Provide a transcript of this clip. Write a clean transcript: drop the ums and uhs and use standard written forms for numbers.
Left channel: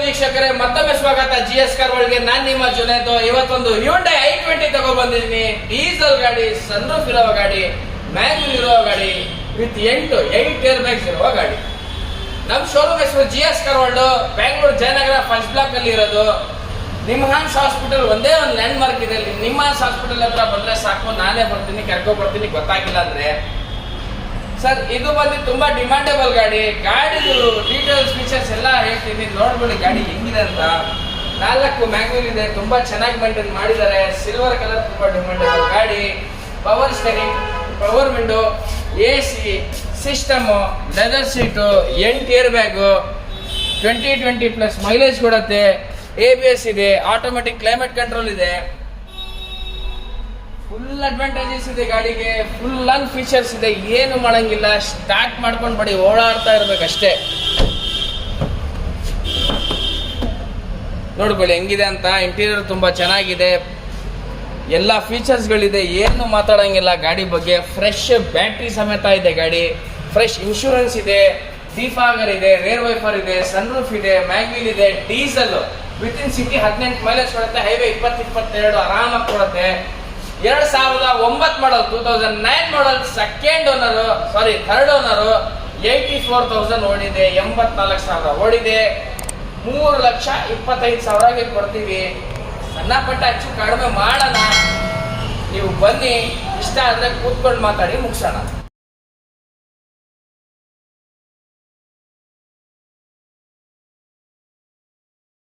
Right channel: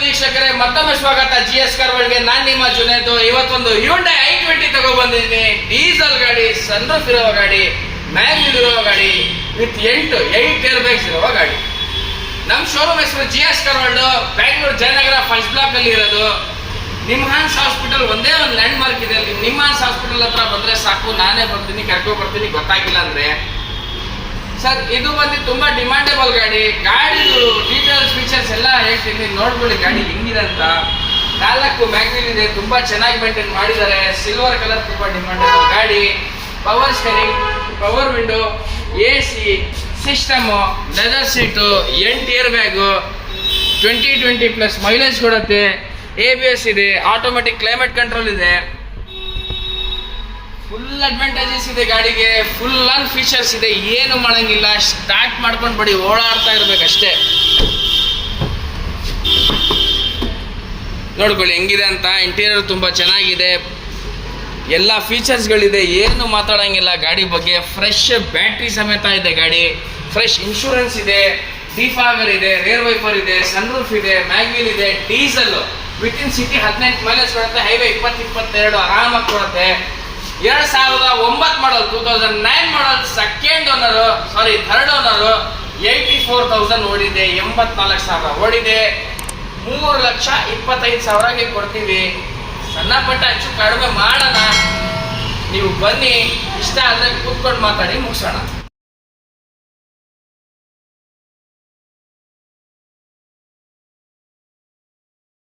ವೀಕ್ಷಕರೇ, ಮತ್ತೊಮ್ಮೆ ಸ್ವಾಗತ GS ಕಾರ್ ವರ್ಲ್ಡ್ಗೆ. ನಾನು ನಿಮ್ಮ ಜುನೇದ್. ಇವತ್ತೊಂದು Hyundai i20 ತಗೊಬಂದಿದ್ದೀನಿ. ಡೀಸೆಲ್ ಗಾಡಿ, ಸನ್ರೂಫ್ ಇರುವ ಗಾಡಿ, ಮ್ಯಾನ್ಯುಯಲ್ ಇರುವ ಗಾಡಿ, ವಿತ್ 8 ಏರ್ ಬ್ಯಾಗ್ಸ್ ಇರುವ ಗಾಡಿ. ನಮ್ಮ ಶೋರೂಮ್ ಹೆಸರು GS car world, Bangalore Jayanagar first block ಅಲ್ಲಿ ಇರೋದು. ನಿಮ್ಹಾನ್ಸ್ ಹಾಸ್ಪಿಟಲ್ ಒಂದೇ ಒಂದು ಲ್ಯಾಂಡ್ ಮಾರ್ಕ್ ಇದೆ. ನಿಮ್ಹಾನ್ಸ್ ಹಾಸ್ಪಿಟಲ್ ಹತ್ರ ಬಂದ್ರೆ ಸಾಕು, ನಾನೇ ಬರ್ತೀನಿ, ಕರ್ಕೊಂಡು ಬರ್ತೀನಿ. ಗೊತ್ತಾಗಿಲ್ಲ ಅಂದ್ರೆ ಸರ್, ಇದು ಬಂದು ತುಂಬಾ ಡಿಮಾಂಡೇಬಲ್ ಗಾಡಿ. ಗಾಡಿದು ಡೀಟೇಲ್ಸ್ ಫೀಚರ್ಸ್ ಎಲ್ಲ ಹೇಳ್ತೀನಿ, ನೋಡ್ಕೊಳ್ಳಿ ಗಾಡಿ ಹೆಂಗಿದೆ ಅಂತ. 4 ಮ್ಯಾಗ್ವಿಲ್ ಇದೆ, ತುಂಬಾ ಚೆನ್ನಾಗಿ ಮೇಂಟೈನ್ ಮಾಡಿದ್ದಾರೆ. ಸಿಲ್ವರ್ ಕಲರ್, ತುಂಬಾ ಡಿಮಾಂಡೇಬಲ್ ಗಾಡಿ. Power steering, power window, AC system, leather seat, 8 air bag, 20+ mileage ಕೊಡುತ್ತೆ. ABS ಇದೆ, ಆಟೋಮೆಟಿಕ್ ಕ್ಲೈಮೇಟ್ ಕಂಟ್ರೋಲ್ ಇದೆ. ಫುಲ್ ಅಡ್ವಾಂಟೇಜಸ್ ಇದೆ ಗಾಡಿಗೆ, ಫುಲ್ ಆನ್ ಫೀಚರ್ಸ್ ಇದೆ. ಏನು ಮಾಡಂಗಿಲ್ಲ, ಸ್ಟಾರ್ಟ್ ಮಾಡ್ಕೊಂಡು ಬಡಿ ಓಡಾಡ್ತಾ ಇರ್ಬೇಕಷ್ಟೇ. ನೋಡ್ಕೊಳ್ಳಿ ಹೆಂಗಿದೆ ಅಂತ. ಇಂಟೀರಿಯರ್ ತುಂಬ ಚೆನ್ನಾಗಿದೆ, ಎಲ್ಲ ಫೀಚರ್ಸ್ಗಳಿದೆ, ಏನು ಮಾತಾಡೋಂಗಿಲ್ಲ ಗಾಡಿ ಬಗ್ಗೆ. ಫ್ರೆಶ್ ಬ್ಯಾಟ್ರಿ ಸಮೇತ ಇದೆ ಗಾಡಿ. ಫ್ರೆಶ್ ಇನ್ಶೂರೆನ್ಸ್ ಇದೆ, ಡಿಫಾಗರ್ ಇದೆ, ರೇರ್ ವೈಪರ್ ಇದೆ, ಸನ್ರೂಫ್ ಇದೆ, ಮ್ಯಾಗ್ವಿಲ್ ಇದೆ. ಡೀಸೆಲ್ ವಿತಿನ್ ಸಿಟಿ 18 ಮೈಲೇಜ್ ಕೊಡುತ್ತೆ. ಹೈವೇ 20-22 ಆರಾಮಾಗಿ ಕೊಡುತ್ತೆ. 2009 ಮಾಡಲ್, 2009 ಮಾಡಲ್, ಥರ್ಡ್ ಓನರು. 84,000 ಓಡಿದೆ, 84,000 ಓಡಿದೆ. 3,25,000ಗೆ ಕೊಡ್ತೀವಿ. ಸಣ್ಣ ಪಟ್ಟ ಹೆಚ್ಚು ಕಡಿಮೆ ಮಾಡೋಣ. ನೀವು ಬನ್ನಿ, ಇಷ್ಟ ಆದರೆ ಕೂತ್ಕೊಂಡು ಮಾತಾಡಿ ಮುಗಿಸೋಣ.